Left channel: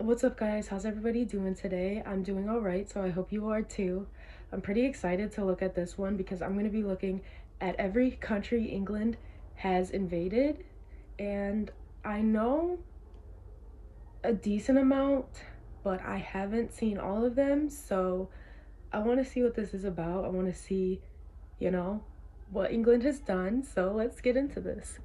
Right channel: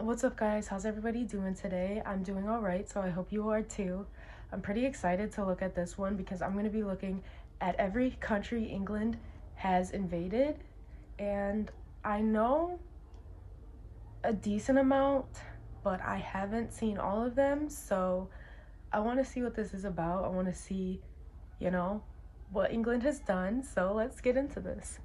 What's up, guys? How's everybody doing today? I'm doing all right, so I hope you are too. I'm pretty excited to look at this one because I'm going to be looking at every country England has invaded, and I know a decent amount, but I haven't seen all of them, so I want to see what this is about. I want to see, you know, what England has done, so let's get into this.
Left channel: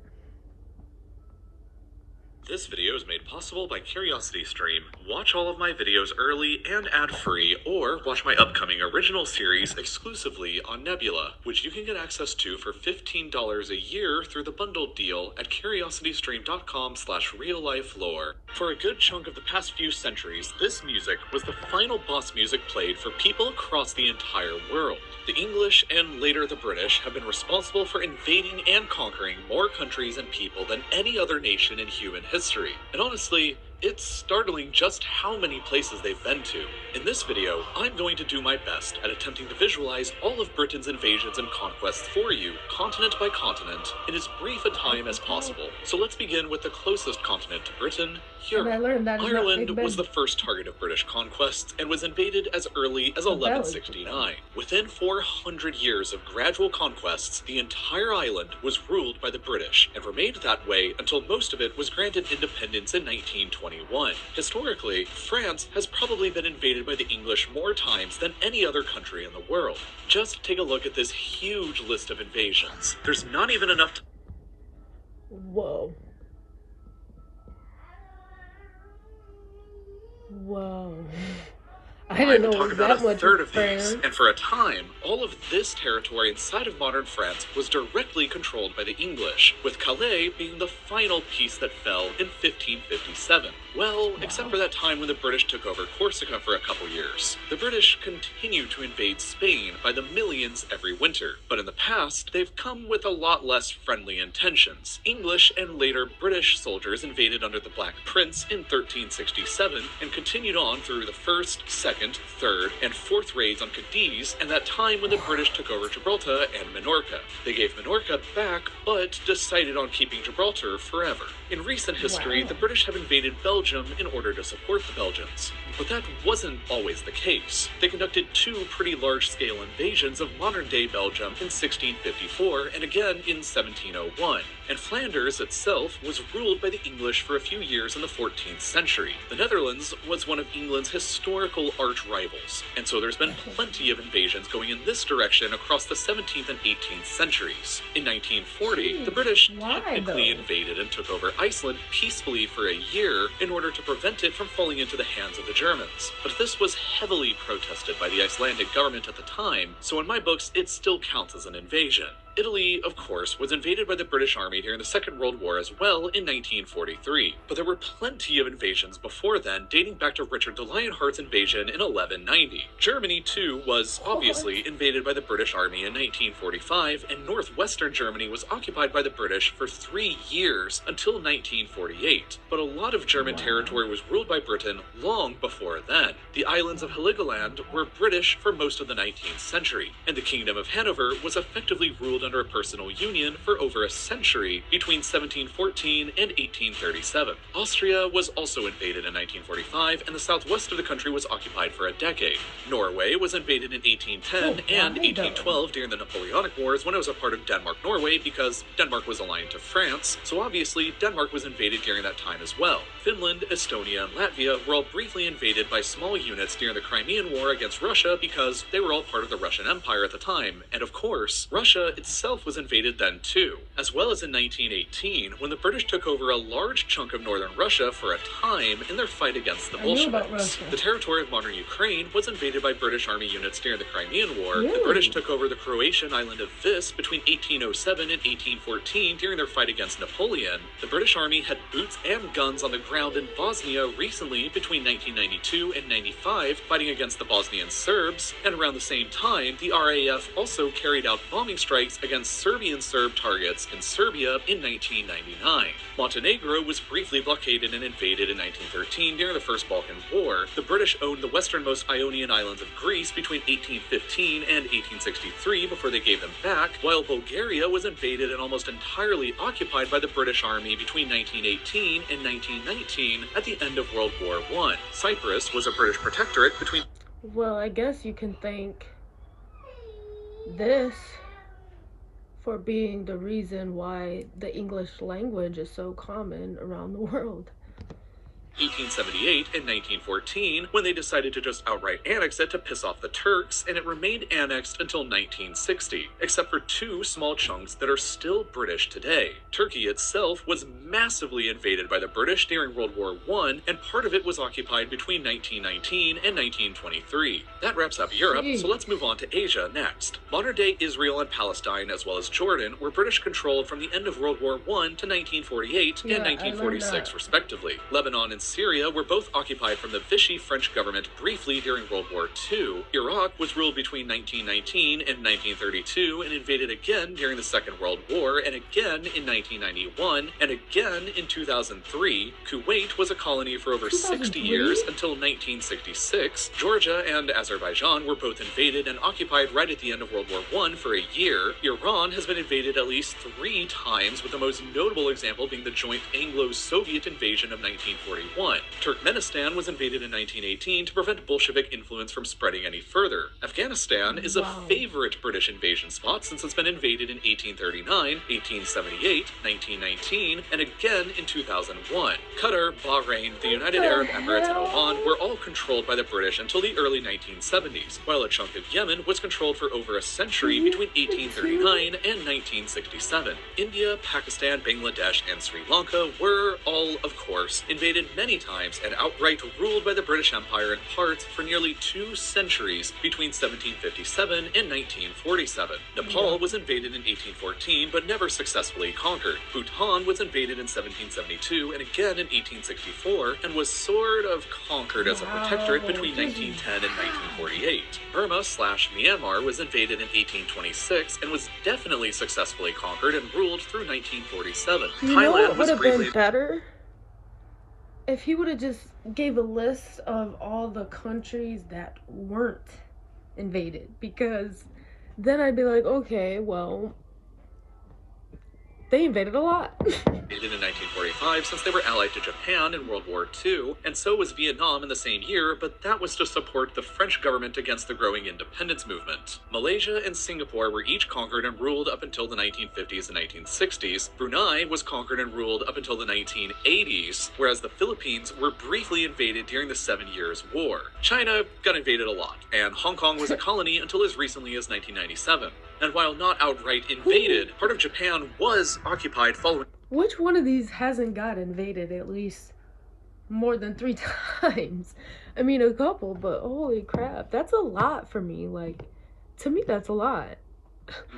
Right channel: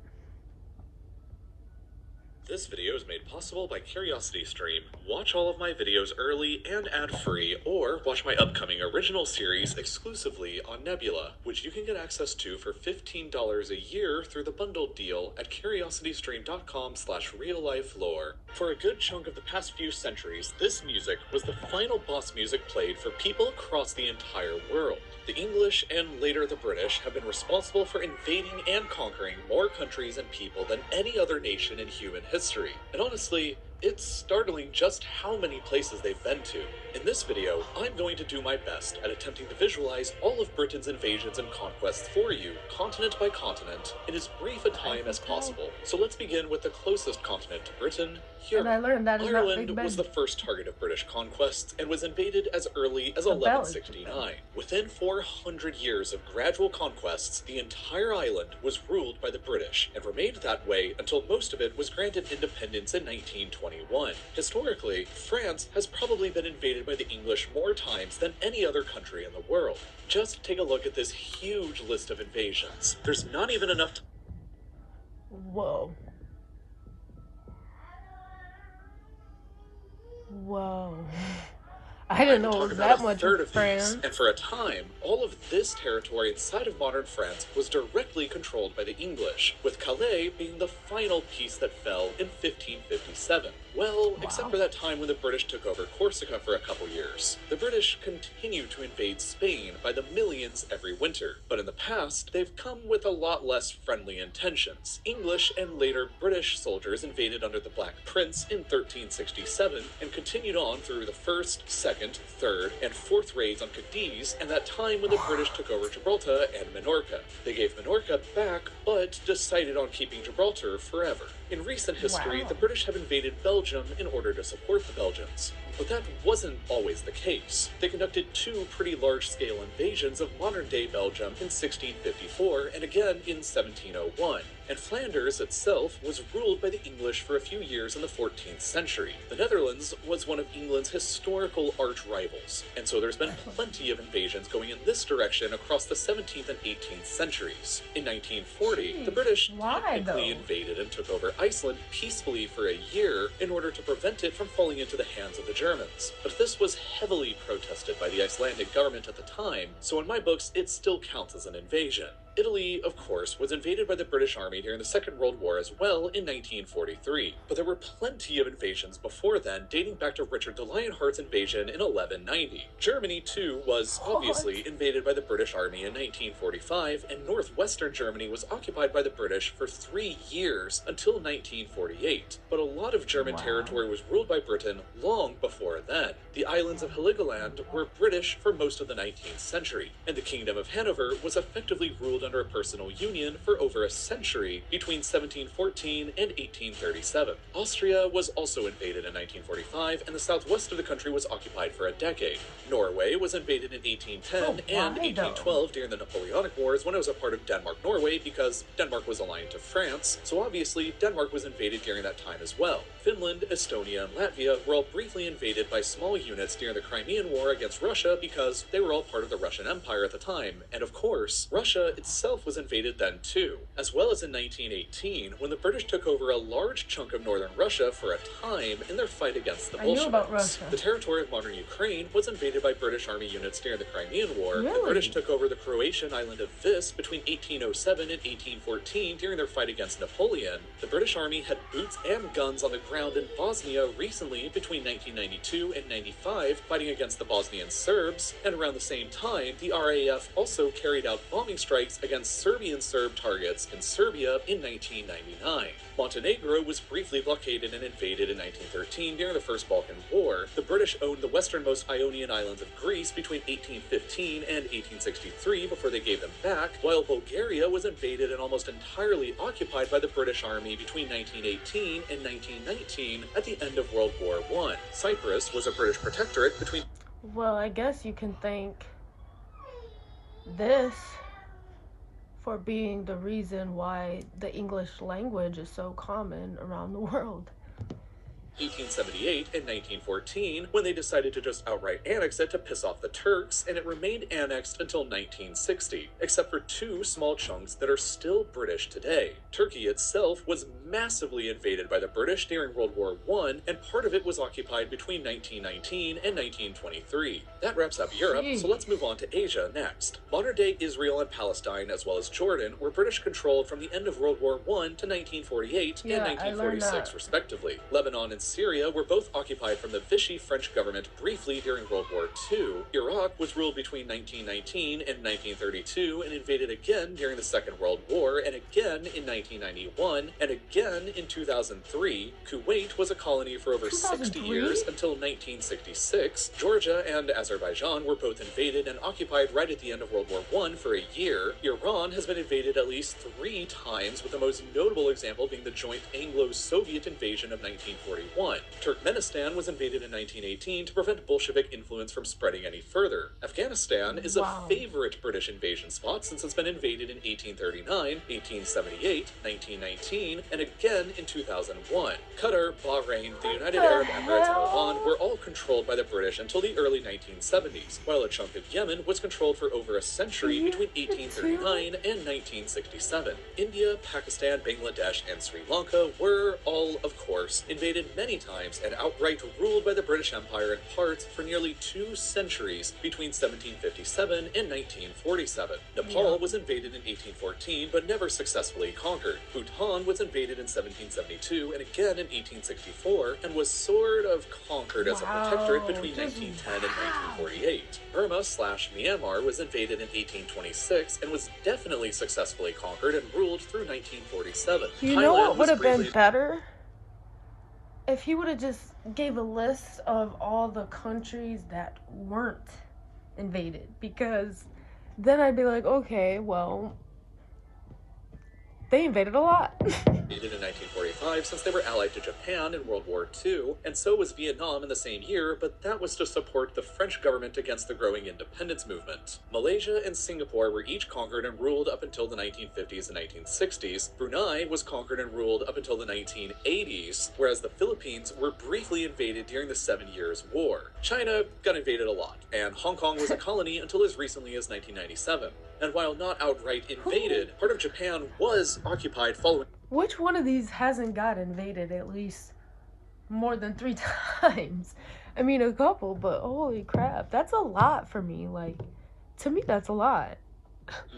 This video is made possible by CuriosityStream. Watch all of my videos early and ad-free, or watch my upcoming original series exclusively on Nebula, which you can get access to for $15 a year through the bundled deal at curiositystream.com/real-life-lore. For a good chunk of the past few centuries, this music was the final boss music played for people across the entire world. The English and later the British have been responsible for invading and conquering more countries and people than any other nation in human history. And honestly, it's startling just how many places they've been to. In this video, I'm going to do my best at attempting to visualize all of Britain's invasions and conquests for you, continent by continent, in as brief a time as possible. So let's begin with the closest continent to Britain, Europe. And I learned that is not Big Ireland Ben. was the first target of British conquests and was invaded as early as 1169. Within 400 years of gradual conquests, the entire island was ruled by the British and remained that way until most of it was granted independence in 1921. Historically, France has probably been invaded by the English more times than any other country in the world. Just take a look at this huge list of invasions. There's not even enough time. Whoa. Whoa. I didn't know it was that much of France. And for a time, all of this territory inside of modern France was directly controlled by the English, with Calais being the final piece that fell in 1557. Well, except for that time when the British took over Corsica for a couple years. The British continued to invade Spain by the millions every winter, but in the past, they've come with a lot less friendly intentions. English and later British soldiers invaded under the Black Prince in 1367 and continued on through the first, second, third, and fourth raids on Cadiz, and that time when the British took over Gibraltar and Minorca. They gave Minorca back, but decided on keeping Gibraltar forever. In recent history, the British have invaded Belgium in order to support the Belgians. But that wasn't always the case. They conducted two pretty large-scale invasions of modern-day Belgium in 1654 and again in 1701. And Flanders itself was ruled by the English for a few years in the 14th century. The Netherlands was one of England's historical arch-rivals, and so there's been plenty of invasions going in this direction across the 17th and 18th centuries. In 1940, the British technically invaded and took over Iceland peacefully for a year in order to prevent it from falling into the hands of the Germans. But this was heavily protested by the Icelandic government at the time, so in my books it still counts as an invasion. Italy, of course, was invaded by the British Army during the Second World War as well in 1943, but there were plenty of invasions before then, dating back to Richard the Lionheart's invasion in 1190. Germany, too, was obviously invaded by the British Army in 1945, and northwestern Germany was occupied by the British for 3 years until 1948. But a lot of German territory was ruled by Britain long before then. The islands of Heligoland were British for most of the 19th century, and the Kingdom of Hanover was effectively ruled under a personal union for over a century between 1714 and 1837. Austria was also invaded in 1945, and the southwest of the country was occupied for a decade. Norway was invaded in 1810 and 1812 during the Napoleonic Wars when it was a part of Denmark-Norway because Denmark was aligned to France, so obviously Denmark was invaded during that time as well. Finland, Estonia, and Latvia were all briefly invaded by small units during the Crimean War against Russia because they were all part of the Russian Empire at the time, and of course, Russia itself was invaded then too, as well as in 1918 when the British took over a large chunk of northern Russia for a time in their fight against the Bolsheviks. The territory of modern Ukraine was invaded by British Army units during the Crimean War. The British took over the Croatian island of Vis between 1807 and 1814 during their fight against Napoleon. The British Army had boots and guns on the ground in Bosnia recently between 1992 and 95 fighting against the Bosnian Serbs, and around the same time the RAF also carried out bombing strikes against Serbian Serb targets in Serbia in 1999. Montenegro was briefly blockaded and invaded in 1913 during the First Balkan War. The British owned the westernmost Ionian islands of Greece between 1815 and 1863 before they gave them back, while Bulgaria was invaded and almost entirely occupied by the British Army between 1918 and 1919 1918 at the end of World War I. Cyprus was a British protectorate between... Well, I guess you can thank this for being the reason why the English language is so common around the world. 1878 and 1914, when they decided to just outright annex it to piss off the Turks, and it remained annexed until 1960, except for two small chunks that are still British today. Turkey itself was massively invaded by the British during World War I, and part of it was occupied between 1919 and 1923. That wraps up Europe, so let's move on to Asia next. Modern-day Israel and Palestine, as well as Jordan, were British-controlled from the end of World War I to 1948 and 1946, respectively. Lebanon and Syria were both occupied from the Vichy French government briefly during World War II. Iraq was ruled between 1919 and 1932 and invaded again during the Second World War, and again in 1991, and again in 2003. Kuwait was a colony for over 60 years until 1966. Georgia and Azerbaijan were both invaded and occupied right at the end of World War I for a year. Iran has been invaded at least 3 times, with the most notable example being the joint Anglo-Soviet invasion of 1941. Turkmenistan was invaded in 1918 to prevent Bolshevik influence from spreading any further. Afghanistan is a favorite British invasion spot since it's been invaded in 1839, 1878, 1919, and again in 2001. Qatar, Bahrain, the United Arab Emirates, and Oman were all controlled by the British until the early 1970s, while a chunk of Yemen was controlled for over a century between 1839 and 1967. India, Pakistan, Bangladesh, and Sri Lanka were all, of course, invaded many times and outright ruled by the British Empire in parts for nearly 2 centuries between 1757 and 1947. Nepal was invaded in 1814 but never successfully conquered. Bhutan was invaded in 1772 and again in 1864 and was sort of conquered as a protectorate between 1910 and 1948. Burma/Myanmar was invaded in 1826 and was definitely successfully conquered and ruled through 1947. You know what would have been better? If he would have just gave a list of all the countries that weren't invaded, because then I'd be like, okay, well, they invaded a lot. In 1945, since they were allied to Japan in World War II, and so was Vietnam in the same year, but that was to support the French government against the growing independence movement. Malaysia and Singapore were each conquered and ruled up until the 1950s and 1960s. Brunei was conquered and ruled up until the 1980s, whereas the Philippines were briefly invaded during the 7 Years' War. China got invaded a lot, and Hong Kong was a colony until as recently as 1997. And while not outright invaded, part of Japan was occupied following... Which one of these hasn't got invaded at least more than 3 times? I mean, a couple, but holy crap, that's a lot for me. Like, to me, that's a lot.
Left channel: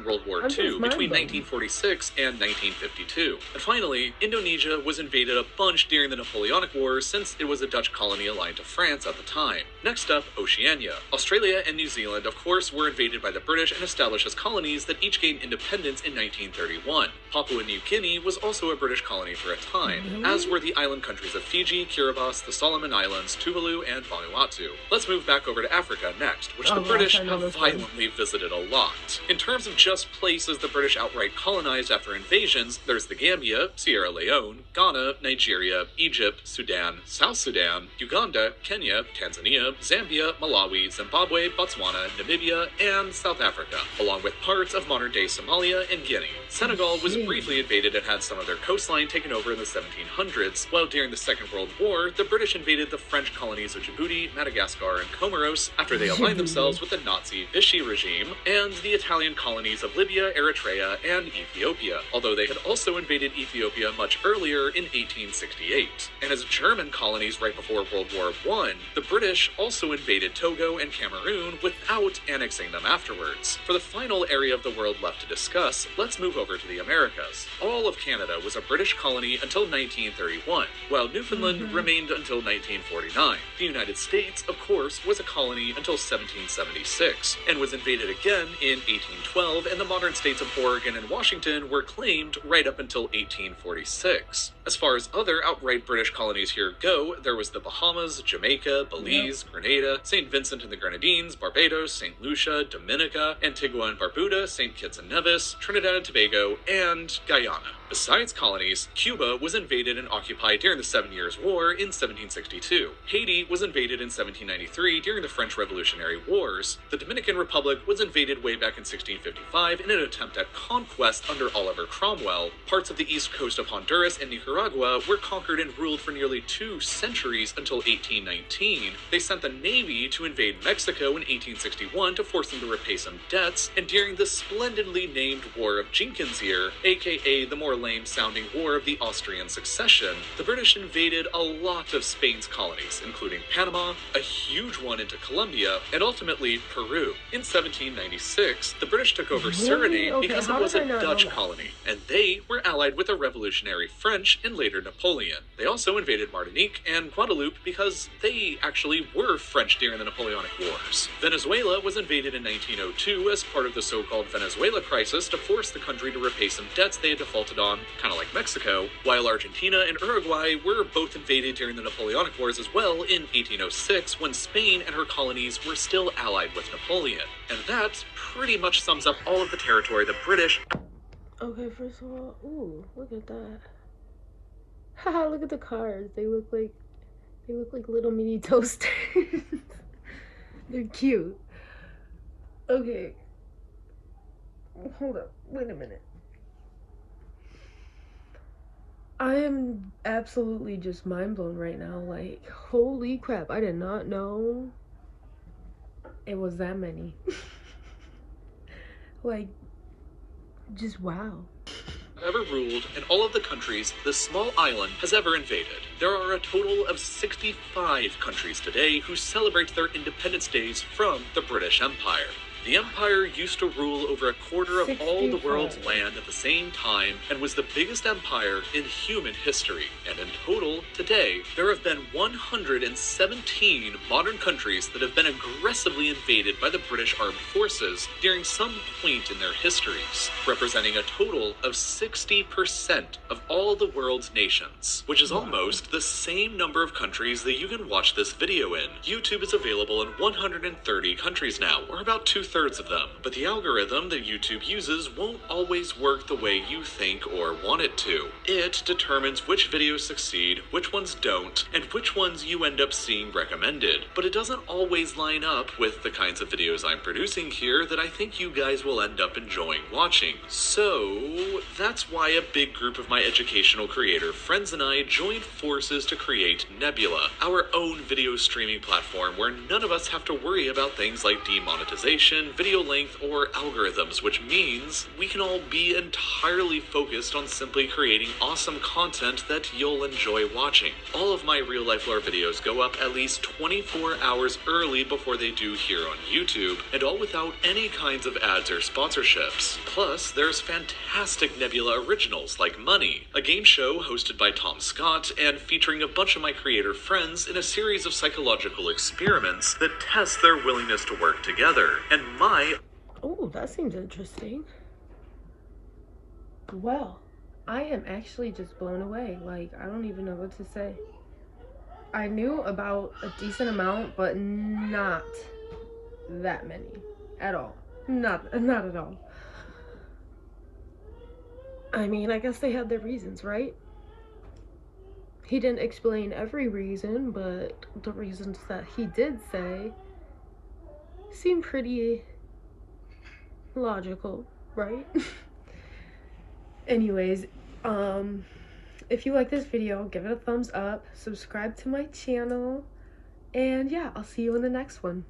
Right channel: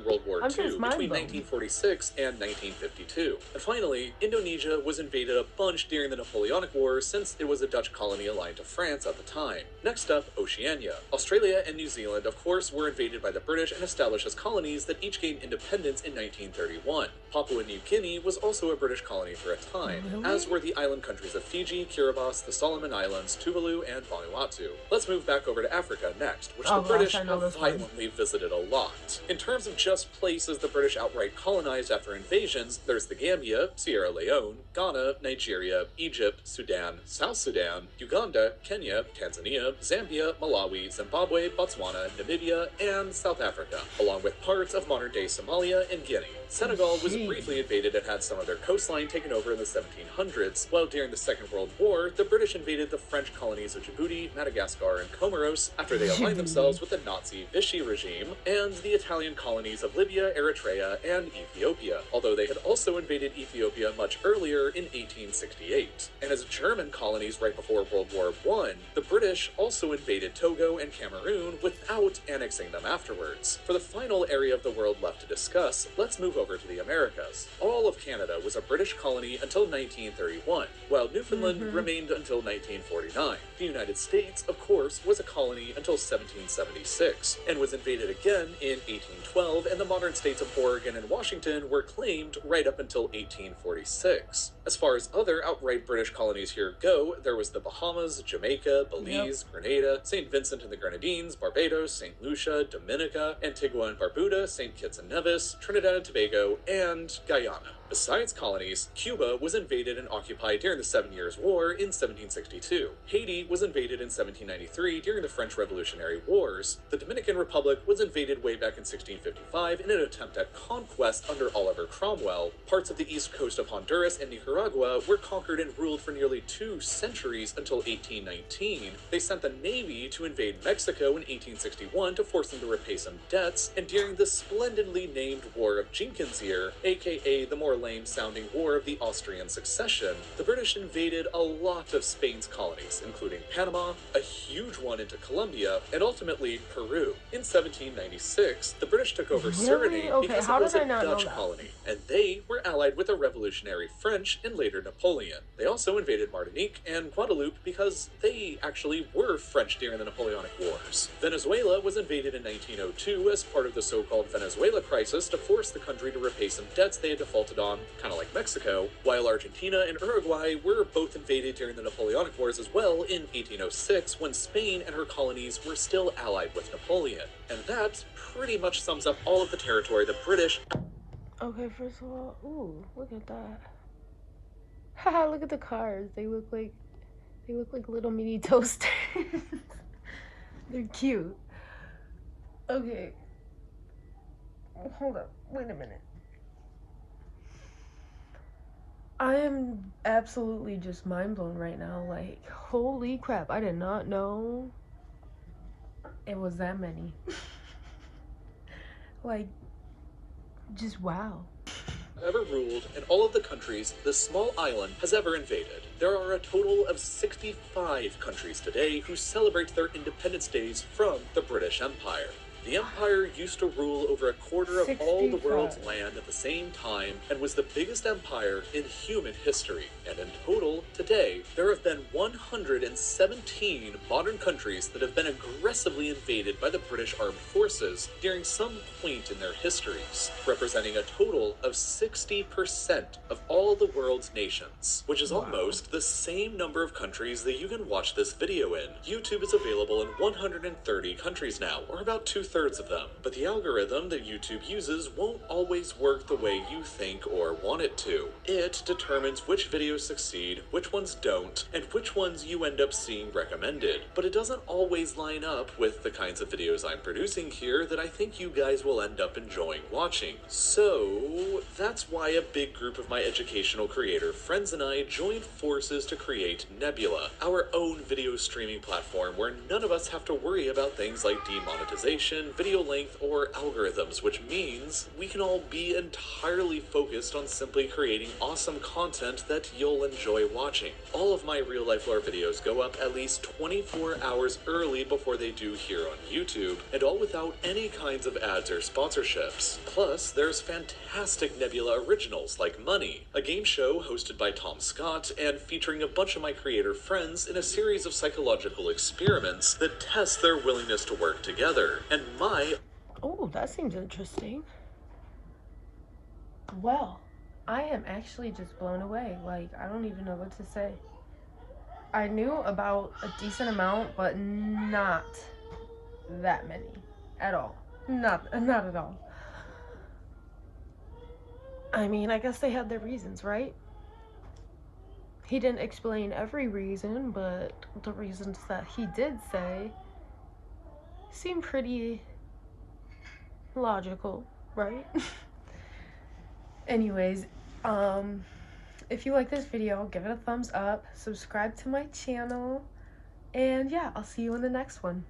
World War II between 1946 and 1952. And finally, Indonesia was invaded a bunch during the Napoleonic Wars since it was a Dutch colony aligned to France at the time. Next up, Oceania. Australia and New Zealand, of course, were invaded by the British and established as colonies that each gained independence in 1931. Papua New Guinea was also a British colony for a time, as were the island countries of Fiji, Kiribati, the Solomon Islands, Tuvalu, and Vanuatu. Let's move back over to Africa next, which the British have violently visited a lot. In terms of just places the British outright colonized after invasions, there's the Gambia, Sierra Leone, Ghana, Nigeria, Egypt, Sudan, South Sudan, Uganda, Kenya, Tanzania, Zambia, Malawi, Zimbabwe, Botswana, Namibia, and South Africa, along with parts of modern-day Somalia and Guinea. Senegal was briefly invaded and had some of their coastline taken over in the 1700s, while during the Second World War, the British invaded the French colonies of Djibouti, Madagascar, and Comoros after they aligned themselves with the Nazi Vichy regime, and the Italian colonies of Libya, Eritrea, and Ethiopia, although they had also invaded Ethiopia much earlier in 1868. And as German colonies right before World War I, the British also invaded Togo and Cameroon without annexing them afterwards. For the final area of the world left to discuss, let's move over to the Americas. All of Canada was a British colony until 1931, while Newfoundland remained until 1949. The United States, of course, was a colony until 1776, and was invaded again in 1812, and the modern states of Oregon and Washington were claimed right up until 1846. As far as other outright British colonies here go, there was the Bahamas, Jamaica, Belize, Grenada, St. Vincent and the Grenadines, Barbados, St. Lucia, Dominica, Antigua and Barbuda, St. Kitts and Nevis, Trinidad and Tobago, and Guyana. Besides colonies, Cuba was invaded and occupied during the Seven Years' War in 1762. Haiti was invaded in 1793 during the French Revolutionary Wars. The Dominican Republic was invaded way back in 1655 in an attempt at conquest under Oliver Cromwell. Parts of the east coast of Honduras and Nicaragua were conquered and ruled for nearly 2 centuries until 1819. They sent the Navy to invade Mexico in 1861 to force them to repay some debts, and during the splendidly named War of Jenkins Year, aka the more lame-sounding War of the Austrian Succession, the British invaded a lot of Spain's colonies, including Panama, a huge one into Colombia, and ultimately Peru. In 1796, the British took over Suriname Okay, because how it was did I a not know Dutch that? colony, and they were allied with the revolutionary French and later Napoleon. They also invaded Martinique and Guadeloupe because they actually were French during the Napoleonic Wars. Venezuela was invaded in 1902 as part of the so-called Venezuela crisis to force the country to repay some debts they had defaulted on, kind of like Mexico, while Argentina and Uruguay were both invaded during the Napoleonic Wars as well in 1806 when Spain and her colonies were still allied with Napoleon. And that pretty much sums up all of the territory the British... Okay, first of all, ooh, look at that. Haha, look at the cars. They look like little mini toasters. They're cute. Okay. Hold up. Wait a minute. I am absolutely just mind blown right now. Like, holy crap. I did not know it was that many. Like, just wow. ever ruled in all of the countries this small island has ever invaded. There are a total of 65 countries today who celebrate their independence days from the British Empire. The empire used to rule over a quarter of all the world's 65. land at the same time and was the biggest empire in human history. And in total, today, there have been 117 modern countries that have been aggressively invaded by the British Armed Forces during some point in their histories, representing a total of 60% of all the world's nations, which is almost the same number of countries that you can watch this video in. YouTube is available in 130 countries now, or about 2/3 of them, but the algorithm that YouTube uses won't always work the way you think or want it to. It determines which videos succeed, which ones don't, and which ones you end up seeing recommended, but it doesn't always line up with the kinds of videos I'm producing here that I think you guys will end up enjoying watching. So that's why a big group of my educational creator friends and I joined forces to create Nebula, our own video streaming platform where none of us have to worry about things like demonetization, video length, or algorithms, which means we can all be entirely focused on simply creating awesome content that you'll enjoy watching. All of my real life lore videos go up at least 24 hours early before they do here on YouTube, and all without any kinds of ads or sponsorships. Plus, there's fantastic Nebula originals like Money, a game show hosted by Tom Scott and featuring a bunch of my creator friends in a series of psychological experiments that test their willingness to work together. And Oh, that seems interesting. Well, I am actually just blown away. Like, I don't even know what to say. I knew about a decent amount, but not that many at all. Not at all. I mean, I guess they had their reasons, right? He didn't explain every reason, but the reasons that he did say seem pretty logical, right? Anyways, if you like this video, give it a thumbs up, subscribe to my channel, and yeah, I'll see you in the next one.